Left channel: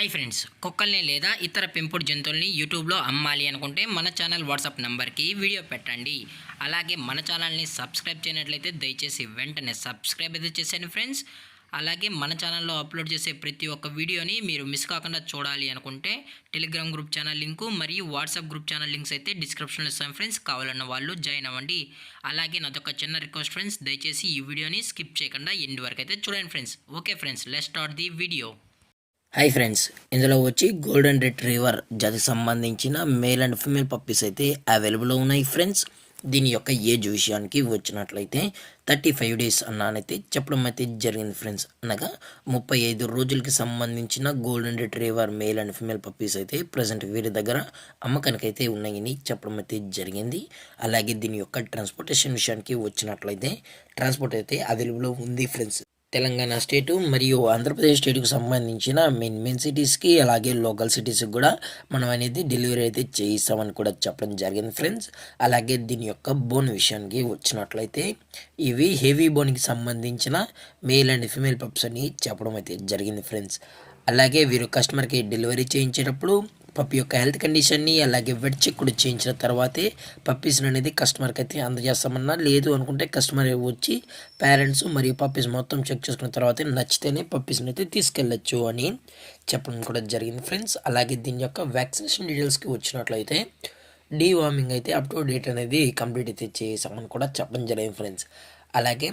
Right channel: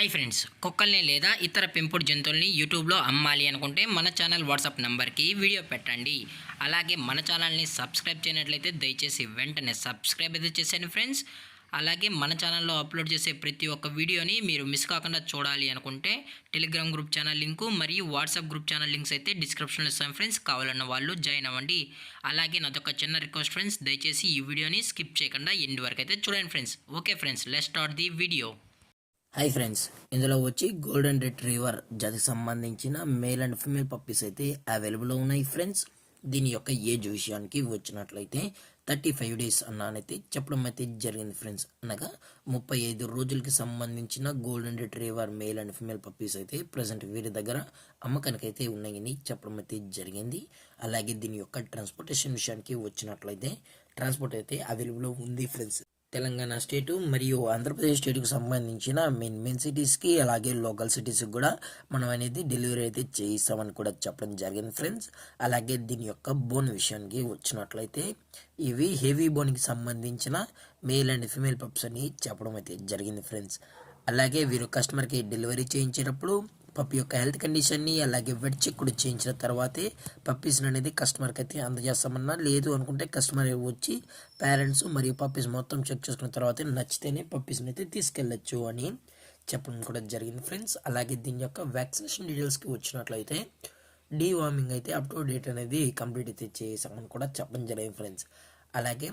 Hi friends, కుక్కల్ని లేదా ఇతర పెంపుడు జంతువుల్ని యూట్యూబ్లో అమ్మాలి అనుకుంటే మన ఛానల్ వాట్సాప్ నెంబర్కి వీడియో పెట్టండి. అలాగే మన ఛానల్ని సబ్స్క్రైబ్ చేయనట్లయితే దయచేసి వెంటనే సబ్స్క్రైబ్ అయితే చేసేయండి ఫ్రెండ్స్. అలాగే మన ఛానల్లో అప్లోడ్ చేసే ప్రతి ఒక్క వీడియోని మీరు మిస్ కాకుండా చూడాలి అనుకుంటే టెలిగ్రామ్ గ్రూప్ ఛానల్ లింకు మరియు వాట్సాప్ గ్రూప్ ఛానల్ లింక్స్ అయితే డిస్క్రిప్షన్లో ఇస్తాను ఫ్రెండ్స్. కావాలన్న వాళ్ళు జాయిన్ అవ్వండి. అలాగే నాదొక చిన్న రిక్వెస్ట్ ఫ్రెండ్స్, దయచేసి ఈ వీడియోని స్కిప్ చేయకుండా ఎండ్ వరకు అయితే చూడండి friends. Okay friends, let's start the video. Hi friends, ఇందులో వచ్చి గోల్డెన్ రిట్రీవర్ జాతికి సంబంధించిన మేల్ అండ్ ఫీమేల్ పప్పీస్ అయితే అవైలబుల్లో ఉన్నాయి ఫ్రెండ్స్. దీని యొక్క ఏజ్ విషయానికి వచ్చినట్లయితే 35 డేస్ అన్నానైతే చెప్పడం అయితే జరిగింది ఫ్రెండ్స్. అనగా 35 రోజులకి సంబంధించిన golden retriever male and female puppies అయితే ప్రజెంట్ వీరి దగ్గర అమ్మకానికి అయితే ఉన్నాయని చెప్పడం అయితే జరిగింది. అలాగే దీని యొక్క ట్రాన్స్పోర్టేషన్ విషయానికి వచ్చినట్లయితే ట్రాన్స్పోర్ట్ అయితే అవైలబుల్లో ఉంది ఫ్రెండ్స్. తెలంగాణ స్టేటు మరియు ఆంధ్రప్రదేశ్ స్టేట్కి సంబంధించిన మెయిన్ సిటీస్కి అలాగే లోకల్ సిటీస్కి కూడా మనం అనేది డెలివరీ అయితే చేయిస్తామని కూడా చెప్పడం జరిగింది ఫ్రెండ్స్. అలాగే దీని యొక్క బోన్ విషయానికి వచ్చినట్లయితే ఇవి హెవీ బోన్కి సంబంధించిన మేల్ అండ్ ఫీమేల్ పప్స్ అని చెప్పడం అయితే జరిగింది ఫ్రెండ్స్. అలాగే వీరు కస్టమర్కి డెలివరీ చేయించేటప్పుడు పప్పి యొక్క హెల్త్ కండిషన్ని అలాగే వెట్ చెక్ కూడా చేయించిన తర్వాతే పప్పీస్ని అనేది కస్టమర్కి అయితే అందజేస్తామన్నా. లేదు అనుకుంటే కస్టమర్ వచ్చి పేరెంట్స్ మరియు పప్పీస్ మొత్తం చెక్ చేసుకున్న తర్వాతే నచ్చితేనే పప్పీస్ని అయితే తీసుకెళ్ళచ్చు అని చెప్పడం కూడా జరిగింది ఫ్రెండ్స్. అలాగే దీని యొక్క వ్యాక్సినేషన్ డీటెయిల్స్కి వచ్చినట్లయితే డీవార్మింగ్ అయితే అప్ టు డేట్ అనేది కంప్లీట్ అయితే చేసామని కూడా చెప్పడం జరిగింది ఫ్రెండ్స్. అలాగే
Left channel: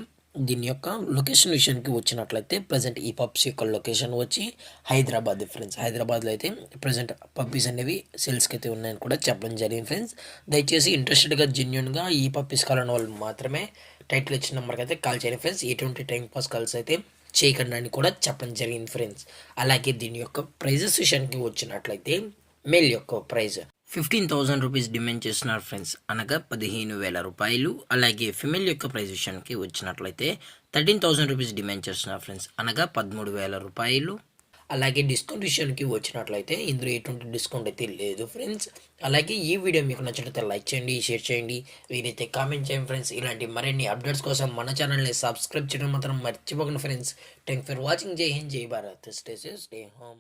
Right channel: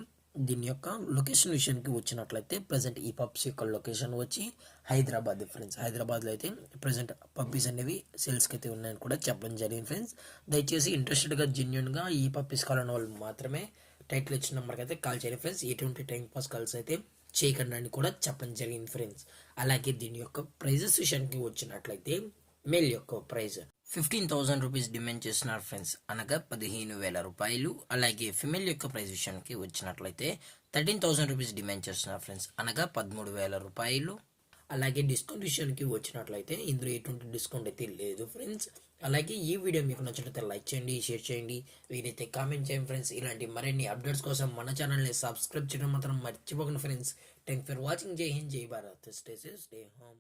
దీని యొక్క లొకేషన్ విషయానికి వచ్చినట్లయితే ప్రజెంట్ ఈ పప్స్ యొక్క లొకేషన్ వచ్చి హైదరాబాద్ ఫ్రెండ్స్. హైదరాబాద్లో అయితే ప్రజెంట్ పప్పీస్ అనేవి సేల్స్కి అయితే ఉన్నాయని కూడా చెప్పడం జరిగింది ఫ్రెండ్స్. దయచేసి ఇంట్రెస్టెడ్గా జెన్యున్గా ఈ పప్పీస్ కావాలని వాళ్ళు మాత్రమే టైటిల్ ఇచ్చిన నెంబర్కి అయితే కాల్ చేయండి ఫ్రెండ్స్. ఎటువంటి టైం పాస్ కాల్స్ అయితే చేయకండి అని కూడా చెప్పడం జరిగింది ఫ్రెండ్స్. అలాగే దీని యొక్క ప్రైజెస్ విషయానికి వచ్చినట్లయితే మేల్ యొక్క ప్రైజ్ 15,000 రూపీస్ డిమాండ్ చేస్తున్నారు ఫ్రెండ్స్, అనగా 15,000 రూపాయలు. అలాగే ఫిమేల్ యొక్క ప్రైస్ విషయానికి వచ్చినట్లయితే 13,000 రూపీస్ డిమాండ్ చేస్తున్నారు ఫ్రెండ్స్, అనగా 13,000 రూపాయలు. అలాగే డిస్కౌంట్ విషయానికి వచ్చినట్లయితే ఇందులో ఎటువంటి డిస్కౌంట్ అయితే లేదు ఫ్రెండ్స్. అలాగే ఈ వీడియో మీకు నచ్చినట్లయితే లైక్ చేయండి, షేర్ చేయండి, వీరైతే కామెంట్ చేయండి ఫ్రెండ్స్. ఇలాంటి మరిన్ని అప్డేట్స్ కోసం మన ఛానల్ని సబ్స్క్రైబ్ చేయడం మాత్రం మర్చిపోకండి ఫ్రెండ్స్. Thank for watching. జై హింద్, జై Bharat, stay safe, stay home.